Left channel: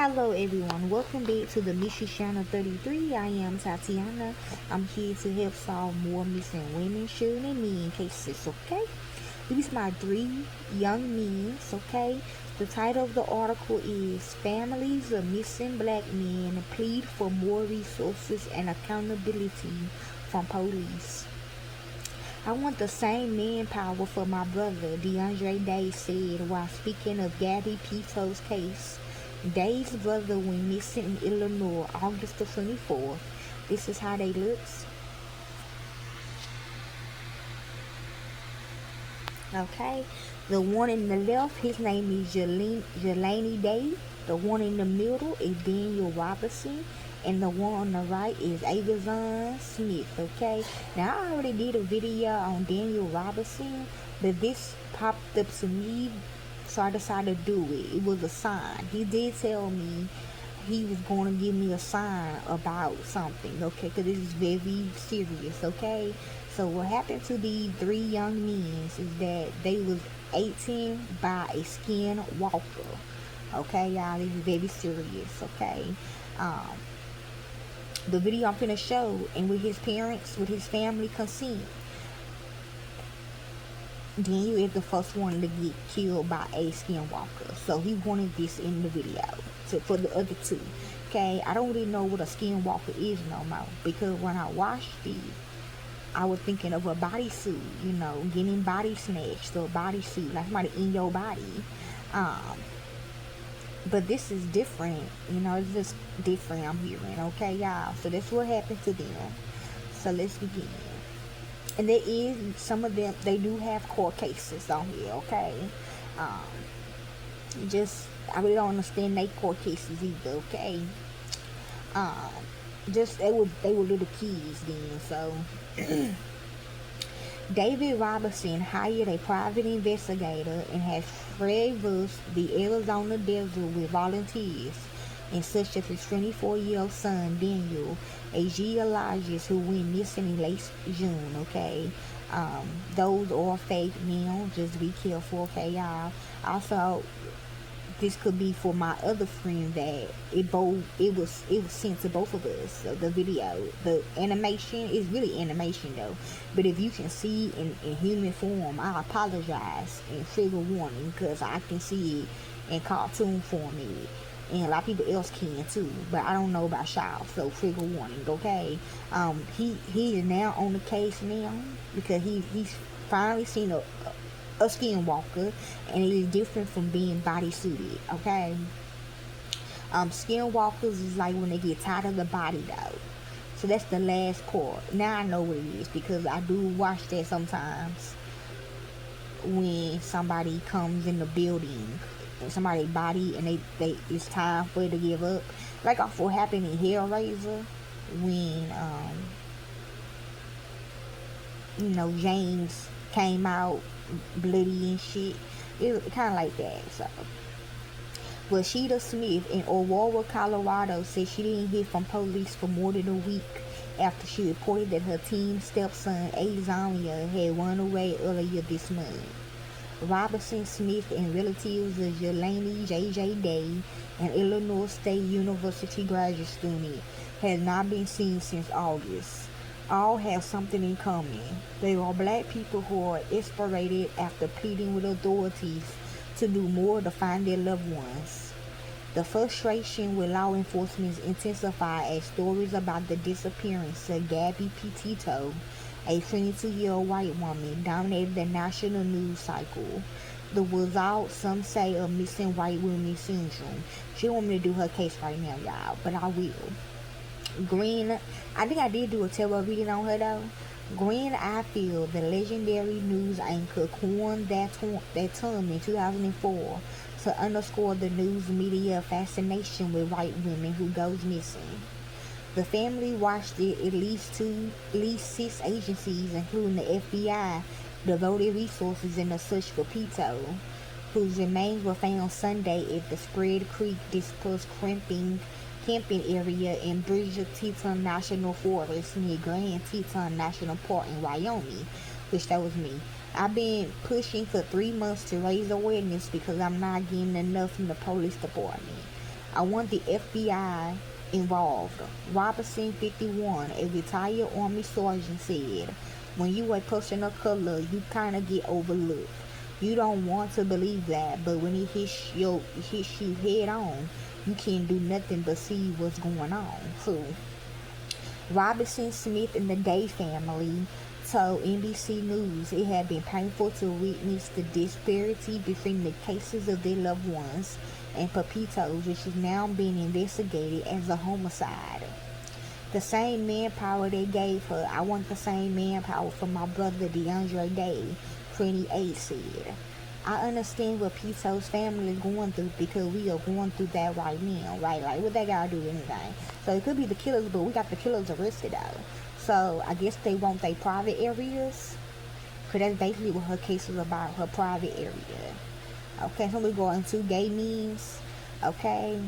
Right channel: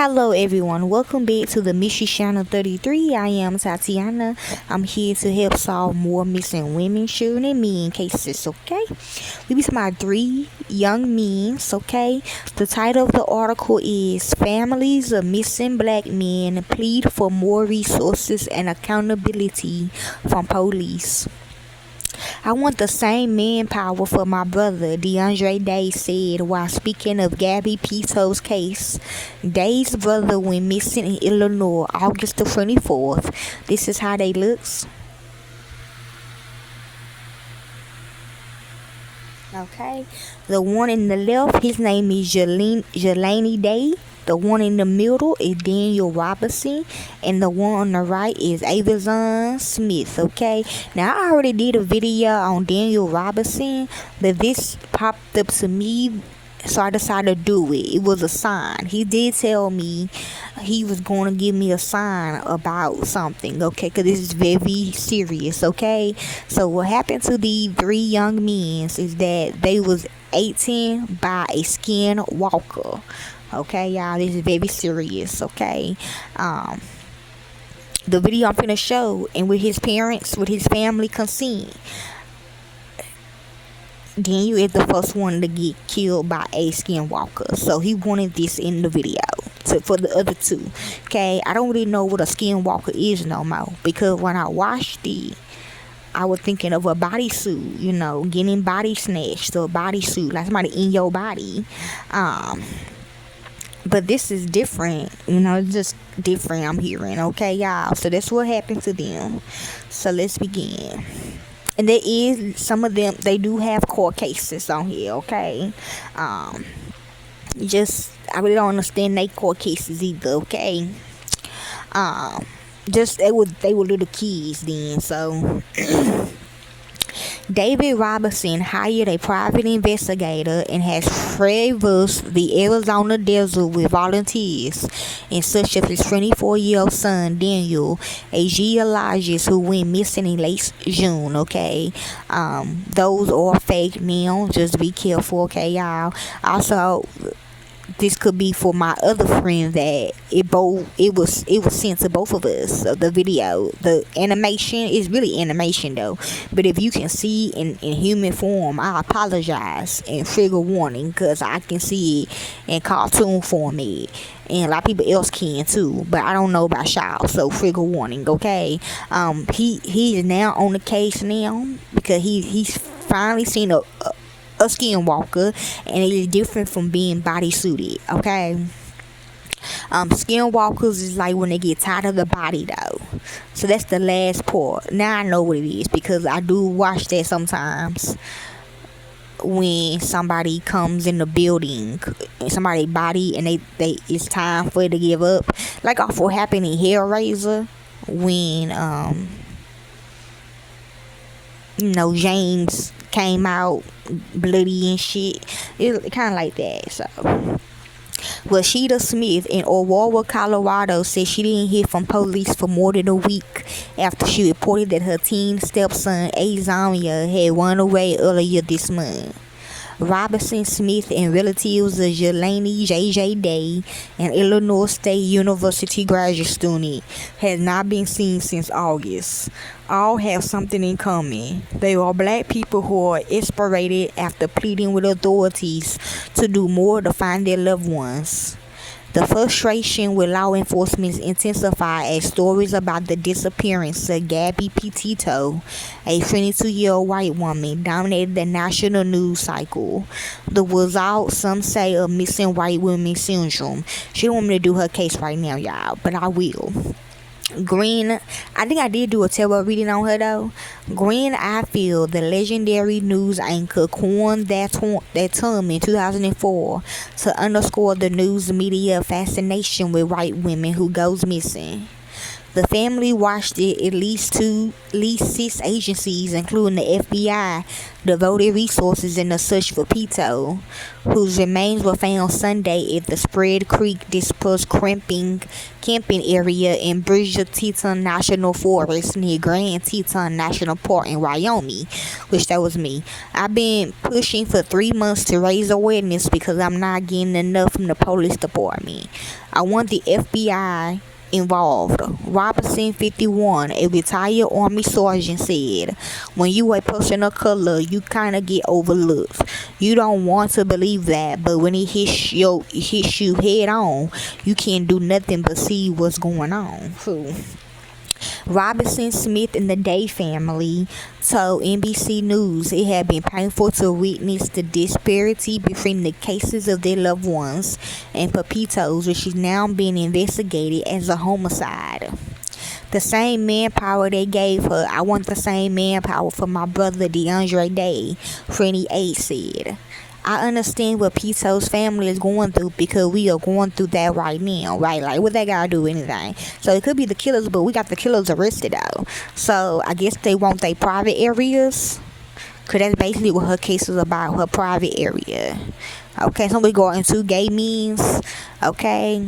Hello everyone, welcome back to the Mystery Channel 33. I am Tatiana. I'm here to help solve more missing women, children, and men cases, okay? We be talking about 3 young men, okay? The title of the article is Families of Missing Black Men Plead for More Resources and Accountability from Police. I want the same manpower for my brother, DeAndre Day said while speaking of Gabby Pito's case. Day's brother went missing in Illinois August the 24th. This is how they looks. Okay, the one in the left, his name is Jelani Day. The one in the middle is Daniel Robinson, and the one on the right is Avazon Smith. Okay, now I already did a video on Daniel Robinson, but this popped up to me, so I decided to do it. It was a sign. He did tell me he was going to give me a sign about something, okay, because this is very serious, okay? So what happened to the 3 young men is that they was 18 by a skinwalker. Okay, y'all, this is very serious, okay? The video I'm finna show, and with his parents, with his family consent, Daniel is the first one to get killed by a skinwalker. So he wanted this in the video for the other 2. Okay, I don't really know what a skinwalker is no more, because when I watched it, I was thinking of a bodysuit, you know, getting body snatched, or a bodysuit, like somebody in your body. But this is different, you know, it's just different, I'm hearing, okay, y'all? So that's what happened to them. So let's begin. And there is, some of them, they do have court cases on here, okay? I really don't understand their court cases either, okay? They were little kids then, so... David Robinson hired a private investigator and has traversed the Arizona desert with volunteers, and such as his 24-year-old son Daniel, a geologist who went missing in late June. Okay, those are fake now. Just be careful, okay, y'all. Also, this could be for my other friend that it was sent to both of us. So the video, the animation is really animation though, but if you can see in human form, I apologize and trigger warning, because I can see it in cartoon format, and a lot of people else can too, but I don't know about y'all, so trigger warning, okay? He is now on the case now, because he's finally seen a skinwalker, and it is different from being bodysuited, okay? Skinwalkers is like when they get tired of the body though. So that's the last part. Now I know what it is, because I do watch that sometimes when somebody comes in the building, somebody's body, and they it's time for it to give up. Like off what happened in Hellraiser when James came out bloody and shit. It kind of like that. So Rashida Smith in Aurora, Colorado said she didn't hear from police for more than a week after she reported that her teen stepson Azaria had run away earlier this month. Robinson Smith and relatives of Jelani J.J. Day, an Illinois State University graduate student, has not been seen since August. All have something in common. They are black people who are exasperated after pleading with authorities to do more to find their loved ones. The frustration with law enforcement intensified as stories about the disappearance of Gabby Petito, a 22-year-old white woman, dominated the national news cycle. The result, some say, of missing white women syndrome. She don't want me to do her case right now, y'all, but I will. Green, I think I did do a tarot reading on her though. Green Ifield, the legendary news anchor, coined that term in 2004 to underscore the news media fascination with white women who goes missing. The family watched it. At least 6 agencies, including the FBI, devoted resources in the search for Pito, whose remains were found Sunday at the Spread Creek dispersed camping area in Bridger Teton National Forest near Grand Teton National Park in Wyoming, which that was me. I've been pushing for 3 months to raise awareness because I'm not getting enough from the police department. I want the FBI involved. Robinson 51, a retired Army sergeant, said, when you a person of color, you kind of get overlooked. You don't want to believe that, but when it hits you head on, you can't do nothing but see what's going on. Robinson Smith and the Day family told NBC News it had been painful to witness the disparity between the cases of their loved ones and Pepito's, which is now being investigated as a homicide. The same manpower they gave her, I want the same manpower for my brother DeAndre Day, 28 said. I understand what Pito's family is going through because we are going through that right now, right? Like, what they gotta do anything. So it could be the killers, but we got the killers arrested though. So I guess they want their private areas, because that's basically what her case was about, her private area. Okay, so we go into gay means, okay?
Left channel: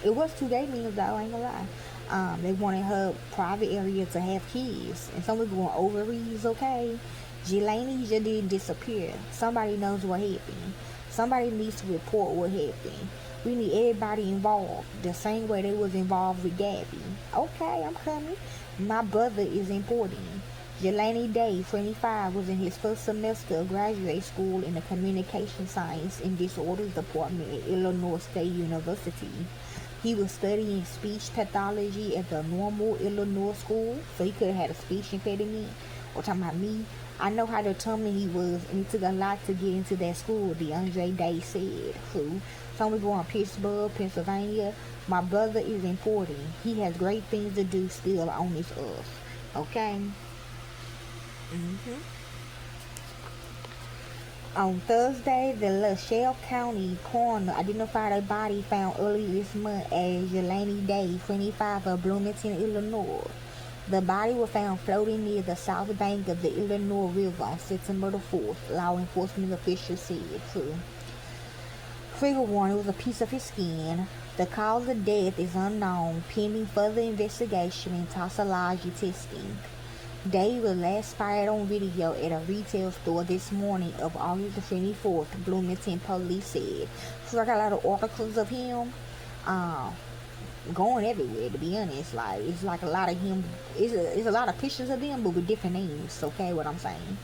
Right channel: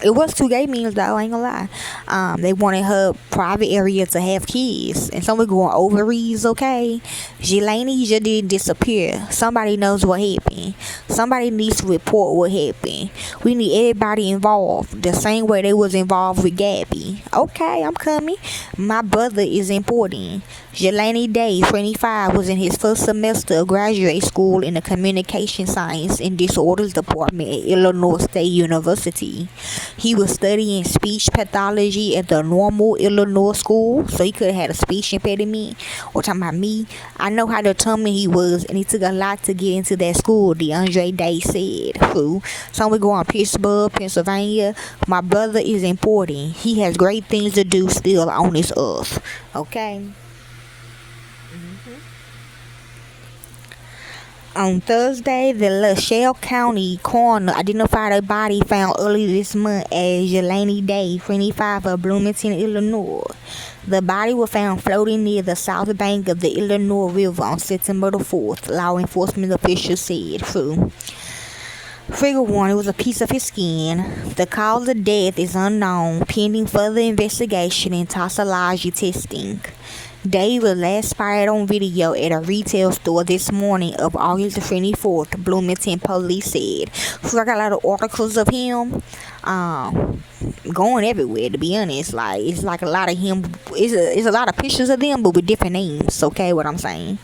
It was 2 gay meals though, I ain't gonna lie. They wanted her private area to have kids. And some were going ovaries, okay? Jelani just didn't disappear. Somebody knows what happened. Somebody needs to report what happened. We need everybody involved. The same way they was involved with Gabby. Okay, I'm coming. My brother is important. Jelani Day, 25, was in his first semester of graduate school in the Communication Science and Disorders Department at Illinois State University. He was studying speech pathology at the Normal Illinois School, so he could have had a speech impediment. Or talking about me, I know how determined he was, and it took a lot to get into that school, DeAndre Day said. So we go on Pittsburgh, Pennsylvania. My brother is important. He has great things to do still on this earth. Okay? On Thursday, the LaSalle County coroner identified a body found early this month as Jelani Day, 25, of Bloomington, Illinois. The body was found floating near the south bank of the Illinois River on September the 4th, law enforcement officials said. Figure 1, it was a piece of his skin. The cause of death is unknown, pending further investigation and toxicology testing. Day was last spotted on video at a retail store this morning of August the 24th, Bloomington police said. So I got a lot of articles of him going everywhere, to be honest. Like, it's like a lot of him. It's a lot of pictures of them, but with different names, okay, what I'm saying.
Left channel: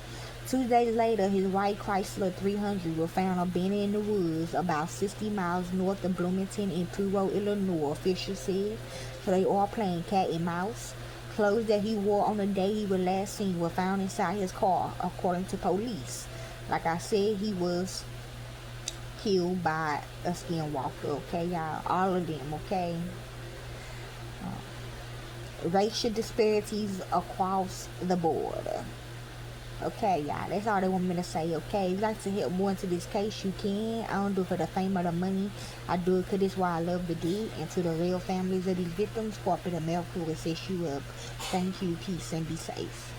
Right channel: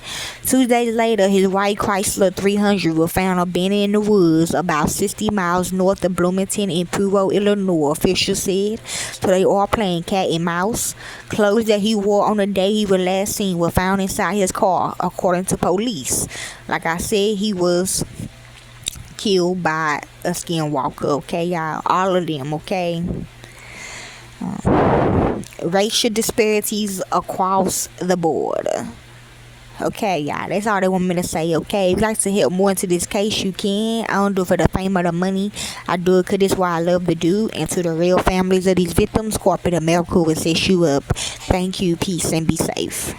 2 days later, his white Chrysler 300 was found abandoned in the woods about 60 miles north of Bloomington in Puyo, Illinois, officials said. So they are playing cat and mouse. Clothes that he wore on the day he was last seen were found inside his car, according to police. Like I said, he was killed by a skinwalker, okay, y'all? All of them, okay? Racial disparities across the board. Okay, y'all, that's all they want me to say, okay? If you'd like to help more into this case, you can. I don't do it for the fame or the money. I do it because this is what I love to do. And to the real families of these victims, corporate America will set you up. Thank you, peace, and be safe.